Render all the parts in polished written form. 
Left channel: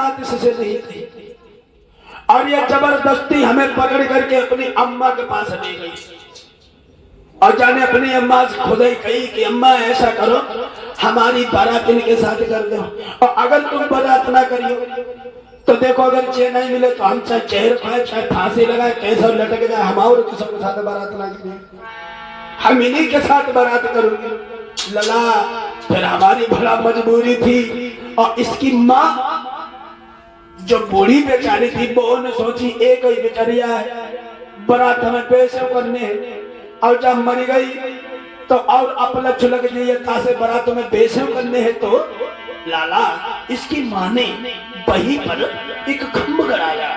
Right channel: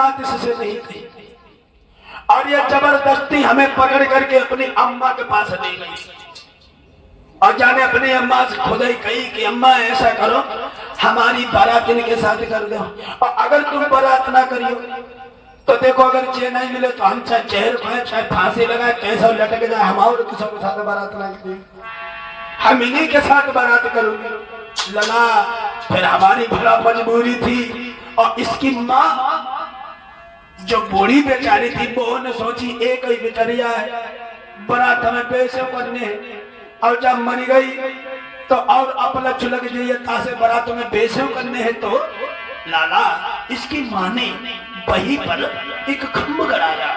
बात इससे नहीं कही और ये जबरदस्ती हमें पकड़ करके अपनी अम्मा के पास ले गई और जाने अपनी अम्मा से खुद ही कही कि अम्मा ऐसा करो हमारी बारात इनके साथ कर दो और अगर तुम बारात ना करियो तो देखो अगर चेन नहीं मिले तो हम चाहे चेहरे खाए चाहे फांसी लगाए कैसा लटक जाए हम और किसी के साथ बारात ना करें हम इन्हीं के साथ बारात करोगे लला। फिर हमारी भला मजबूरी थी और इसकी माँ जो बूढ़ी बेचारी थी वो ने सोची एक ही बेचारिया है बारात हमें पैसे करने और जब मर गई तो और अपलक्ष लग गई तासे बारात में पैसे करने हैं तो लाला इसकी माँ ने वहीं पर एक खम्भ कराया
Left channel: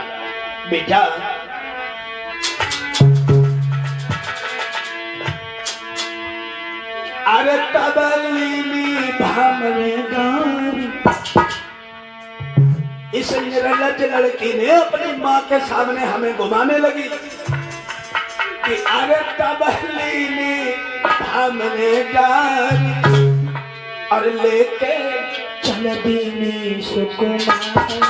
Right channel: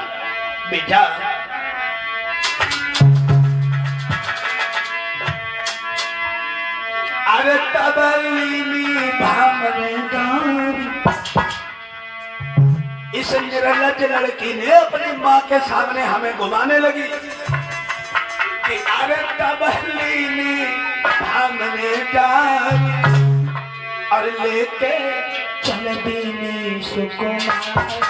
बेटा अरे तबली भामरे गारी इस निर्लज लड़की ने अपनी माँ के सामने हमें घुमाने लगी कि अरे तबली भामरे गारी और लेके चल दीने सुकुमार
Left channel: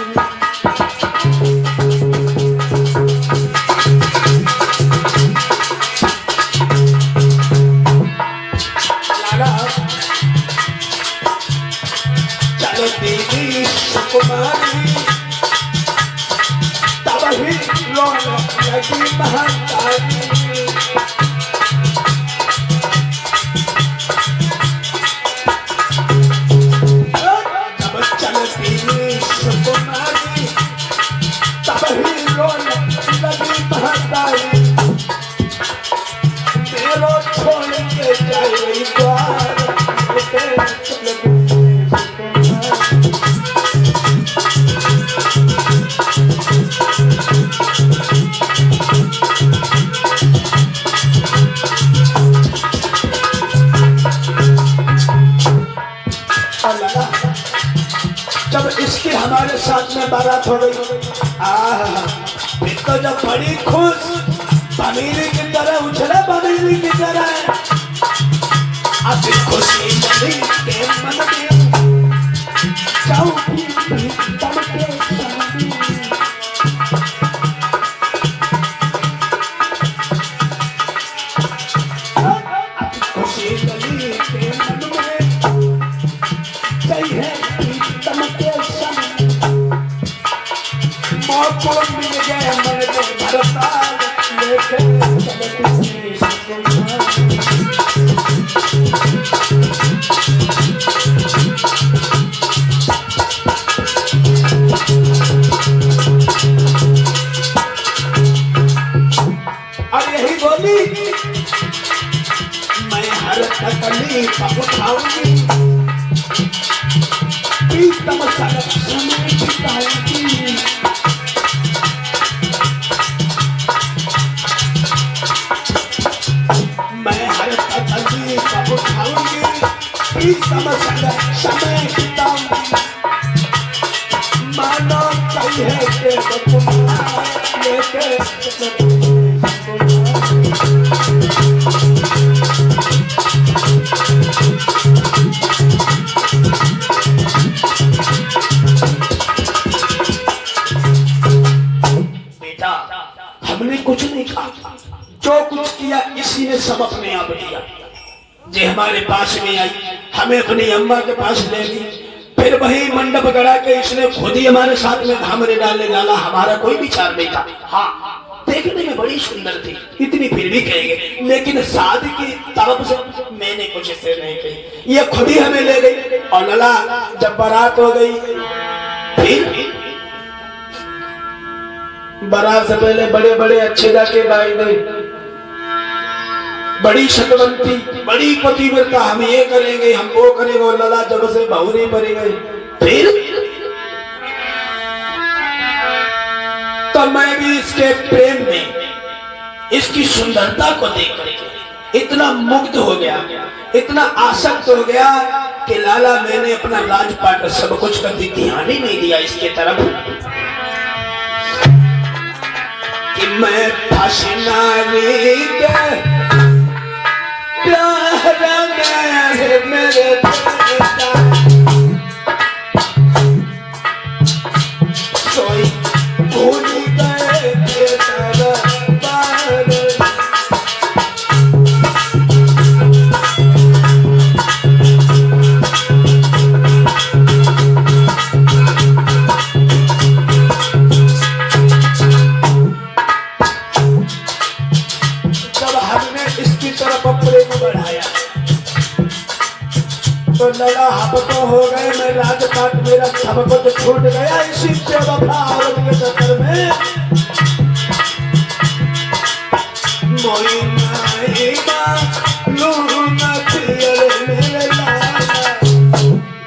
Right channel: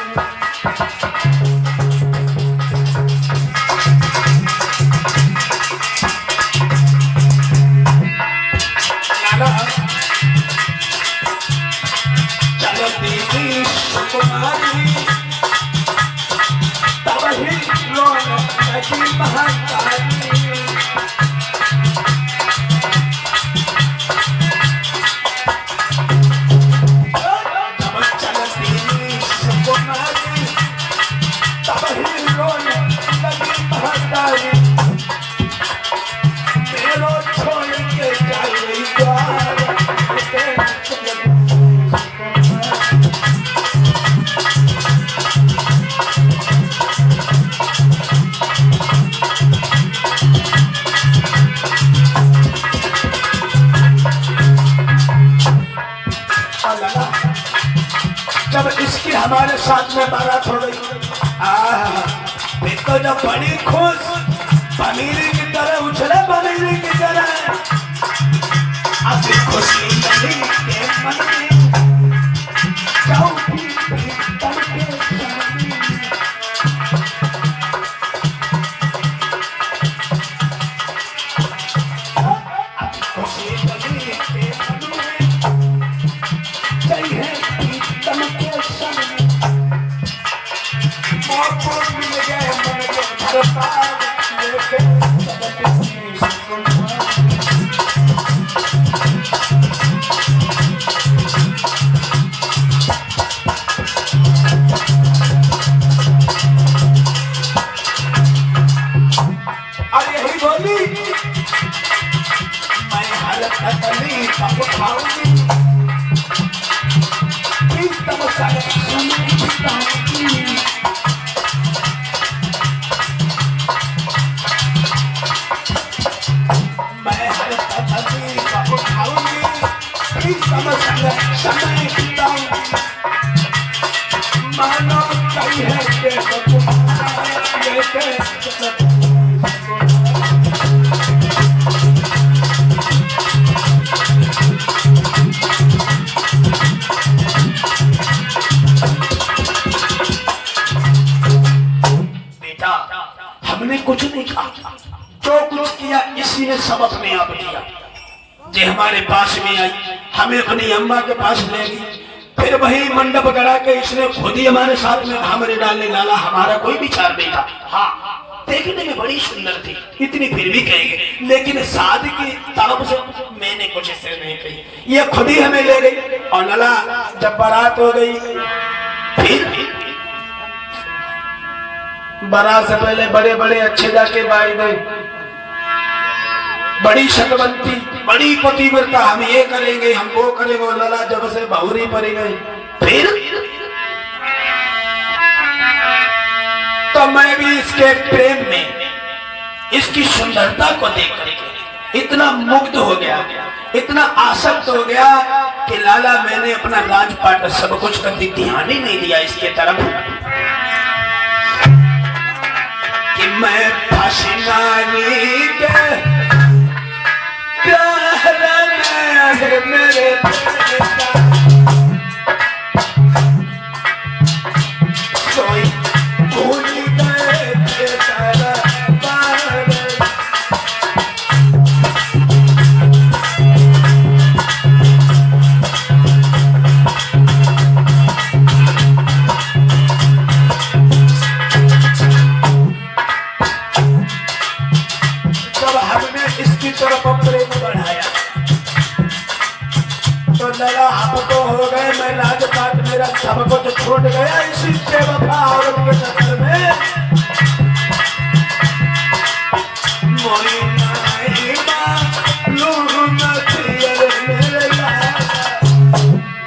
तबही रौनक लगी महाकाली जब इसके हमारे साथ में बारात हो गई फिर तो जब बड़ी खुश पनीर की तरह उछले पनीर की तरह अब खुशी लगी मन में जाओ खुशी लगी मन में चाहिए मैं हर तकलीफ उठाऊंगी प्रीतम मैं हर तकलीफ उठाऊंगी प्रीतम समय बिताऊंगी मानो चाहिए हमने कुछ नहीं कहा जो कुछ किया इसी ने सब अपने आप किया जे हमारे पास में आई हमें अपनी अम्मा के पास ले गई फिर वही मंडप गड़ा के इसने खुद ही हमारे साथ में धामरे डालने डाला हमारा कोई विचार नहीं था। हाँ देखने में बड़ी सुंदर थी इतनी फिर भी कहेंगे लेकिन शादी की तरफ से मैंने कुछ इससे नहीं कही ये खुद ही हमें ले गई और लला जब बारात हो गई फिर बारात से पहले बड़े बड़े अच्छे जाके बाई गए बड़ी शतवंती बड़ी पतिव्रता हम ये करेंगे हम वो करेंगे और लला जब से बहुरी पड़ी गई फिर तो मैं भी इसके प्रेम में इसकी सुंदरता को देख करके इतना मुग्ध हो गया इतना आसक्त हो गया कि लाला मैंने अपना राजपाट सब कुछ का ध्यान ही नहीं दिया इसके तरफ कि मैं मेरे छूट गया इसी बेवफा औरत के चक्कर में। मोई ना नहीं मालूम तेरे मेरे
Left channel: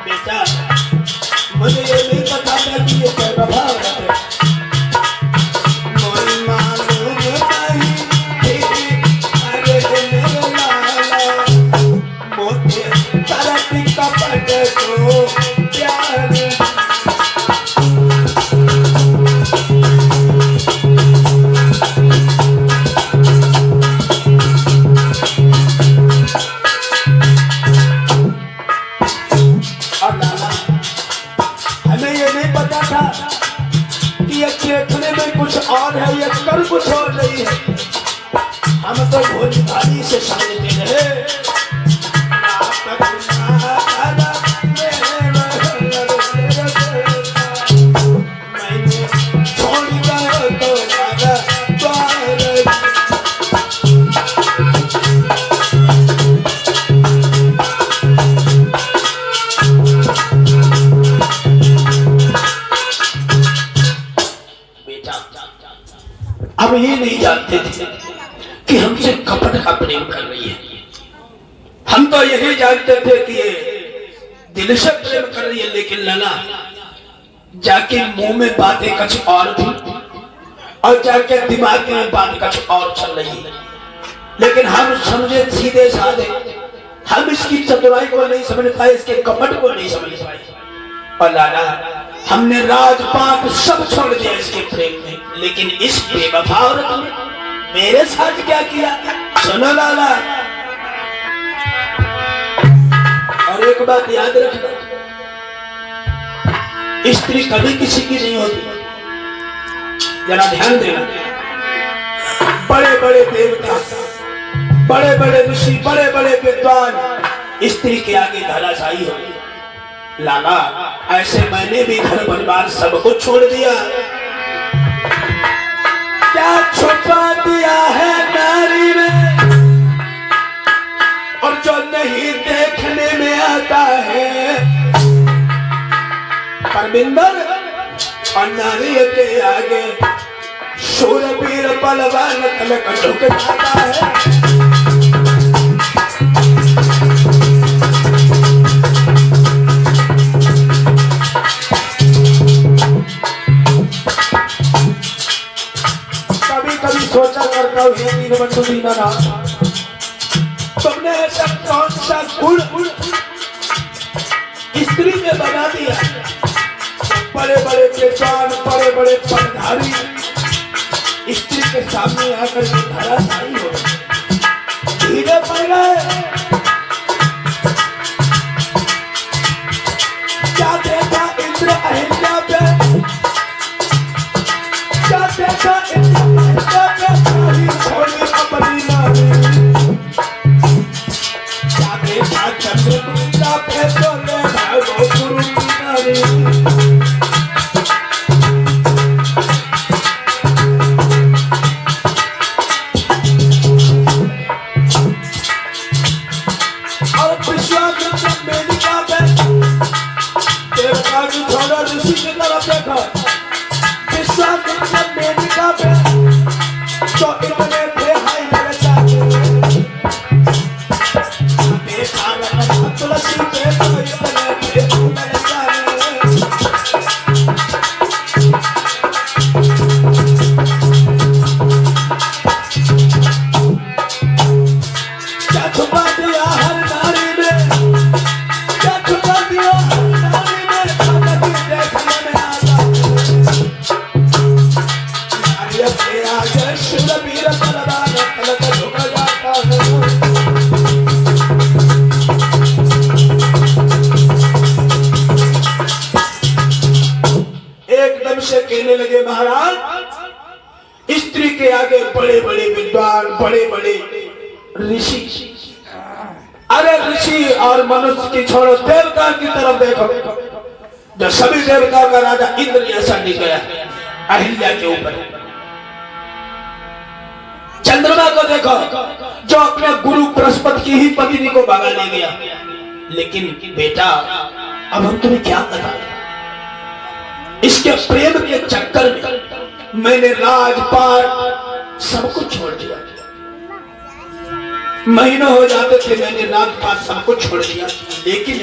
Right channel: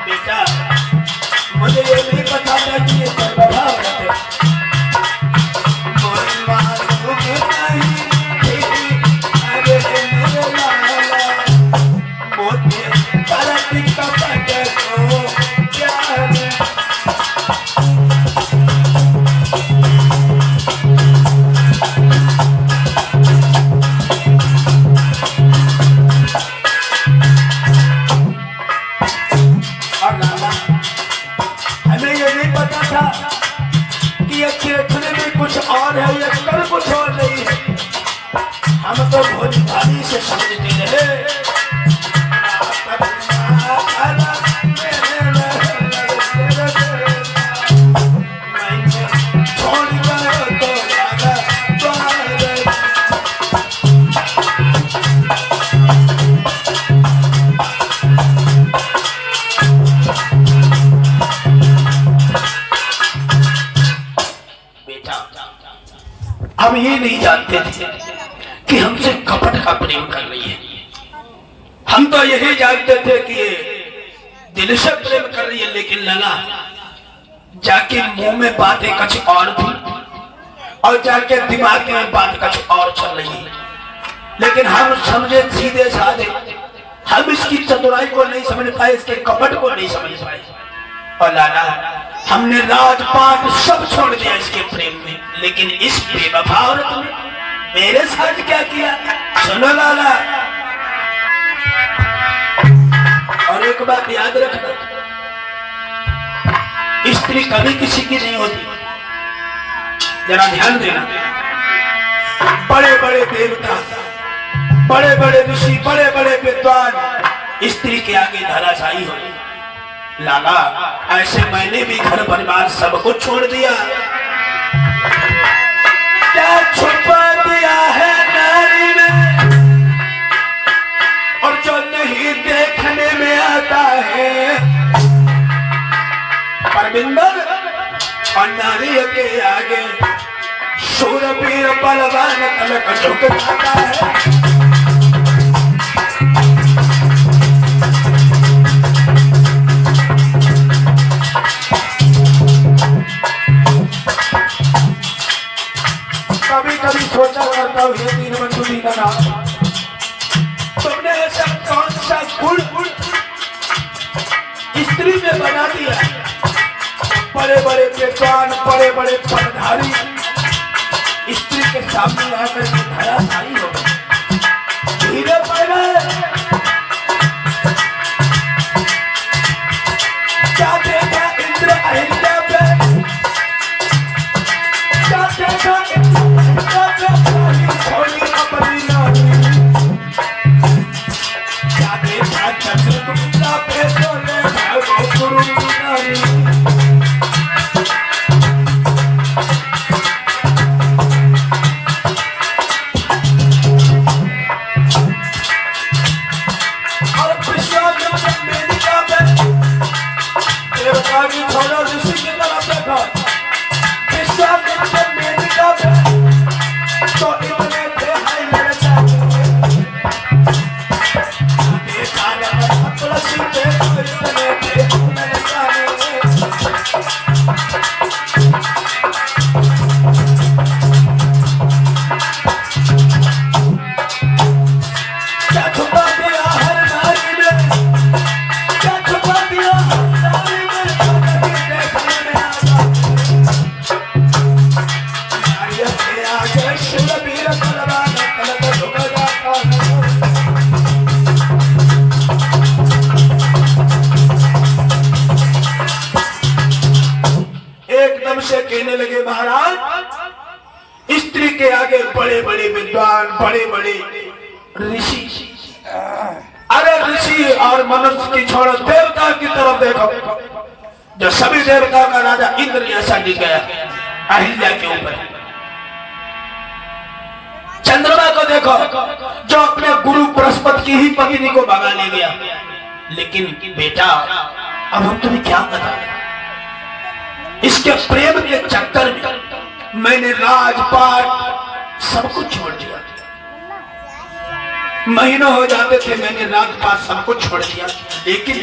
बेटा, मुझे ये नहीं पता था कि ये बेवफा औरत है। मोई मालूम नहीं तेरे मेरे मोते गलती का पटे को प्यार हमें ये नहीं पता था कि ये देखने में कुछ और है, ये कर कुछ और नहीं है। हम तो भोजपुरी से समझते हैं। अब ये नहीं जानते थे कि हमसे कपट का प्रेम कर रही है। हम तो यही जानते थे कि ये दिल से प्रेम कर रही है, लेकिन लगा जाके मुंह में बातें कुछ और थी और जाके दिमाग में बात कुछ और चल रही है। लेकिन हम समझे सीधे साधे, हम इसकी चतुराई को नहीं समझ पाए, इसके कपट को नहीं समझ पाए। और लाला हमने राजपाट सब छोड़ दिया इसके प्रेम में, लेकिन इस बेवफा औरत ने मेरे साथ क्या किया सुनो लाला। और एक बात याद रखना, स्त्री कभी किसी की नहीं होती, जरा ध्यान देना। बड़े बड़े देवता, बड़े बड़े ऋषि, बड़े बड़े विद्वान स्त्री के आगे धराशायी हो। लाला ऐसे मैंने भी घर परिवार सबको छोड़ दिया। क्या छुपा दिया है नारी में, और जो नहीं देखने में आता है। परमिंदर और नारी के आगे शूरवीर बलवान कलक झुक जाता है। सोचा करता हूँ तुमने ऐसा कौन सा गुण स्त्री में बना दिया। बड़े बड़े विद्वान, बड़े बड़े पढ़धारी स्त्री के सामने आकर धराशायी हो धीरे पड़ गए। क्या देखा इंद्र अहिल्या पे, क्या देखा बड़े बड़े विद्वान, बड़े बड़े ऋषि, अरे ऋषि और मनुष्य की छोड़ो, देवता की तरफ देखो, जो सभी देवताओं का राजा इंद्र जैसा गिर गया अहिल्या के ऊपर। चंद्रमा को देखो, जो अपने गुरु बृहस्पति की ही पत्नी को भगा ले गया। लेकिन बेटा अब हम तुम्हें क्या बताएं, इसके प्रेम के चक्कर में मैंने राजपाट सब कुछ छोड़ दिया। महीनों हो जाते थे मैंने राजपाट सब कुछ छोड़ दिया, लेकिन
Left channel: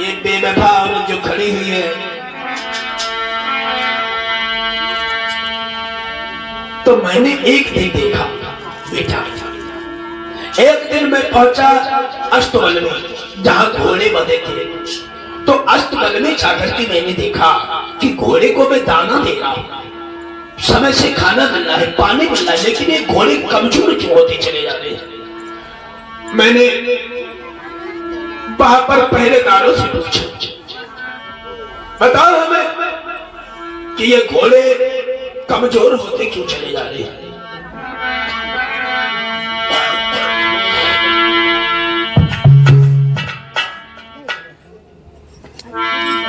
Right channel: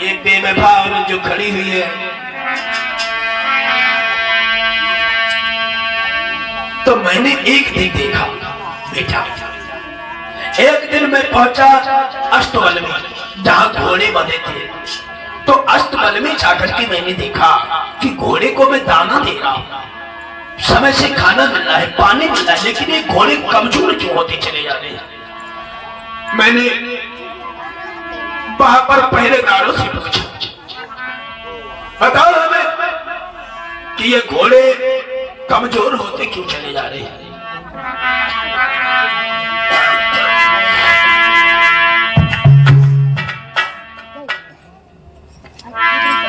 ये बेवफा औरत जो खड़ी हुई है, तो मैंने एक दिन देखा बेटा, एक दिन मैं पहुंचा अष्टबल में जहां घोड़े बंधे थे। तो अष्टबल में जाकर के मैंने देखा कि घोड़े को मैं दाना दे रहा हूं, समय से खाना मिल रहा है, पानी मिल रहा है, लेकिन ये घोड़े कमजोर क्यों होते चले जा रहे हैं। मैंने वहां पर पहरेदारों से पूछा, बताओ हमें कि ये घोड़े कमजोर होते क्यों चले जा रहे हैं।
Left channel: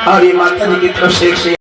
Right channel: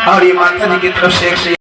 और ये माता जी की तरफ से